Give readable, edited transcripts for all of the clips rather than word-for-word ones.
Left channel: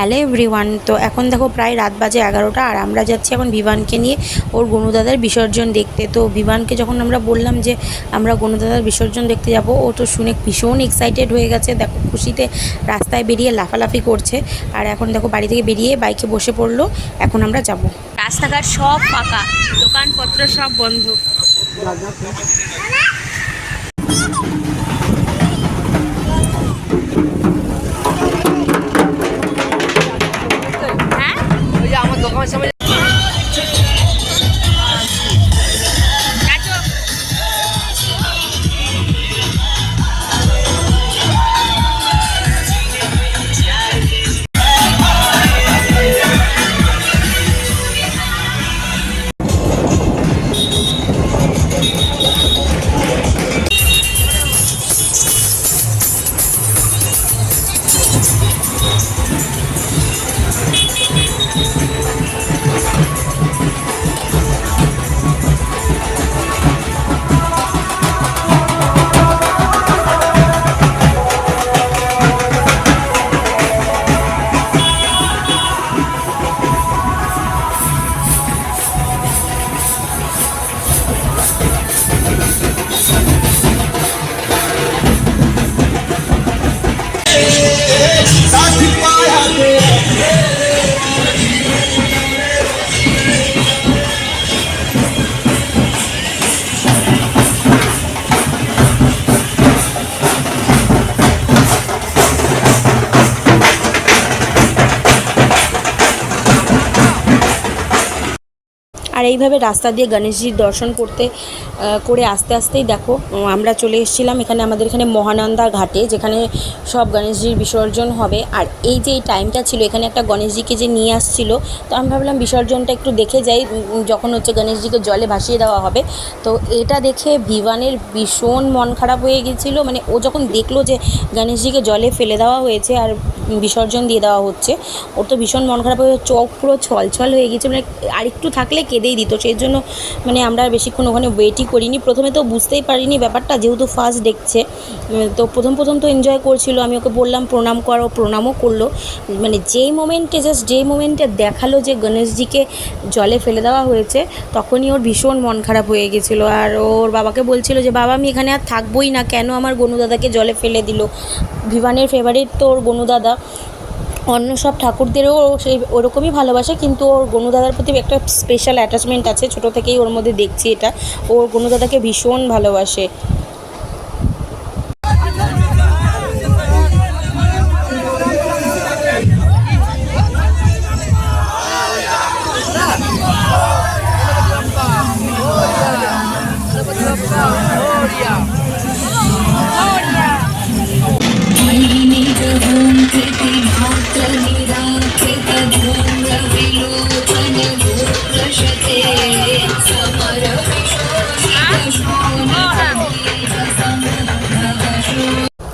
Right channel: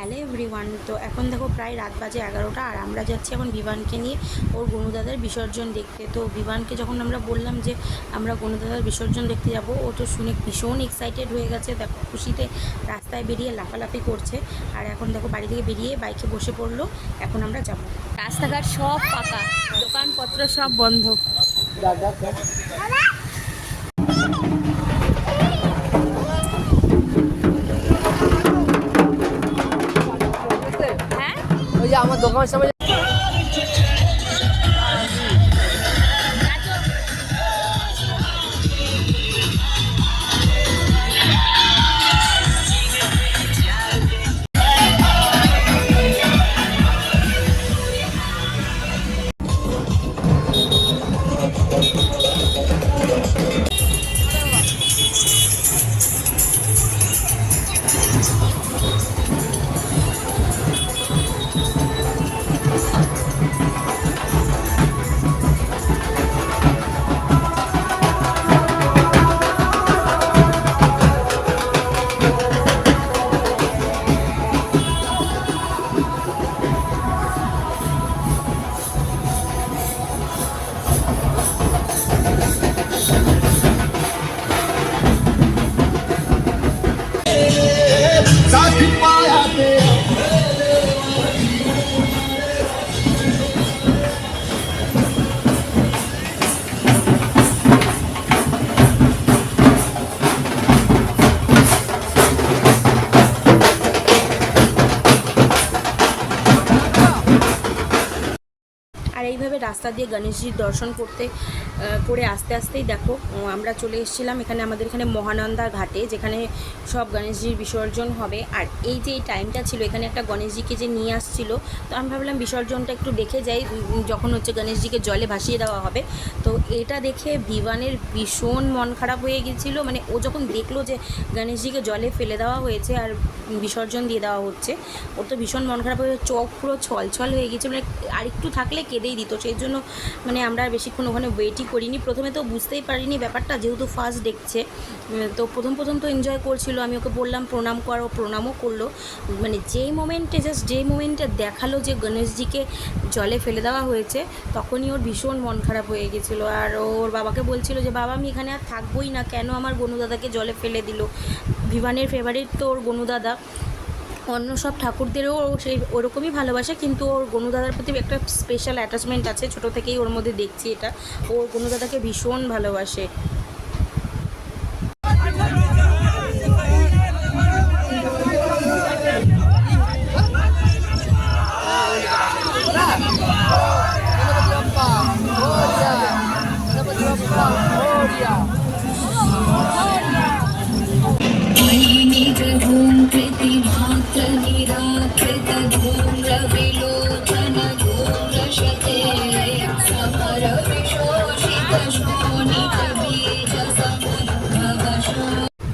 Hello everyone. তো এখন দেখো প্রায় রাত বাজে 11টা, আর আমরা যাচ্ছি এখন বিভানকে নিয়ে ওর গনুদাদার বিসর্জন দেখতে। তো বিভানকে যখন আমরা বললাম যে আমরা গনুদাদার বিসর্জন দেখতে যাব, ও তো শুনে ভীষণ এক্সাইটেড হয়ে গেছে। দেখো খুশিতে রাস্তায় বেরিয়ে লাফালাফি করছে। আর এখন দেখো বাড়ি থেকে বেরিয়ে বাইকে বসে পড়লো। এখন আমরা যাব। রাস্তাঘাট সব ফাঁকা, দোকানপত্র সব বন্ধ। আমার দোকান সামনে আর এইভাবে রাস্তা দিয়ে গণেশজির দর্শন করে আস্তে আস্তেই দেখো আমরা চলে এসেছিলাম আমাদের এখানে মহানন্দা ঘাটে, যেখানে সব গণেশজির বিসর্জন হবে। আর এই যে এই টাইমটা ছিল, এখানে একটা গণেশজিকে যে নিয়ে আসছিল, তো আমি ভাবলাম বিসর্জনটা একটু দেখে যাই, যখন গণেশজিকে জলে ভাসিয়ে দেওয়া হবে। তো এটা দেখে বিভানের ভীষণ মন খারাপ হয়ে গেছিলো। মানে ও যখন দেখলো যে গণেশজিকে জলে ফেলে দেওয়া হয়েছে আর বিসর্জন দিয়ে দেওয়া হচ্ছে, ওর তো ভীষণ মন খারাপ হয়ে চোখ পুরো ছলছল হয়ে গেছে। মানে আরেকটু থাকলে কেঁদেই দিত। সেই জন্য আমরা বেশিক্ষণ ওখানে ওয়েটই করিনি। প্রথমে তো বুঝতেই পারিনি ব্যাপারটা, যেহেতু ফার্স্ট দেখছে। তো প্রথম তো এনজয় করছিল। আমি ওকে বললাম প্রণাম কর, ও প্রণামও করলো। মানে যেই মোমেন্টে দেখালো যে গণেশজিকে জলে ফেলে দেওয়া হয়েছে, তখনই ওর ভীষণ মন খারাপ হয়ে গেছিলো। আর ওর বাবাকে বলছিল যে বাবা আমি এখানে আর থাকবোই না, কেন আমার গনুদাদাকে জলে ফেলে দিল। বিভানের ফেভারিট তো ওর গনুদাদা। অন্য সব ঠাকুরদেরও সেই ওরকমই ভালোবাসে, কিন্তু ওর গনুদাদার প্রতি একটা স্পেশাল অ্যাটাচমেন্ট আছে। ছোটো থেকেই ওর মধ্যে দেখছি এটা, ওর গনুদাদাকে ভীষণ ভালোবাসে।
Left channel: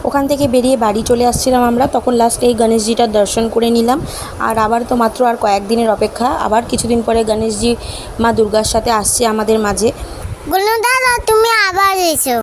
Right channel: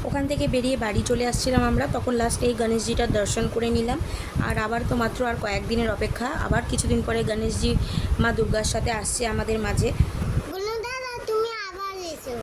ওখান থেকে বেরিয়ে বাড়ি চলে আসছিলাম আমরা, তখন লাস্টে এই গণেশজিটার দর্শন করে নিলাম। আর আবার তো মাত্র আর কয়েকদিনের অপেক্ষা, আবার কিছুদিন পরে গণেশজি মা দুর্গার সাথে আসছে আমাদের মাঝে। দাদা তুমি আবার এসো।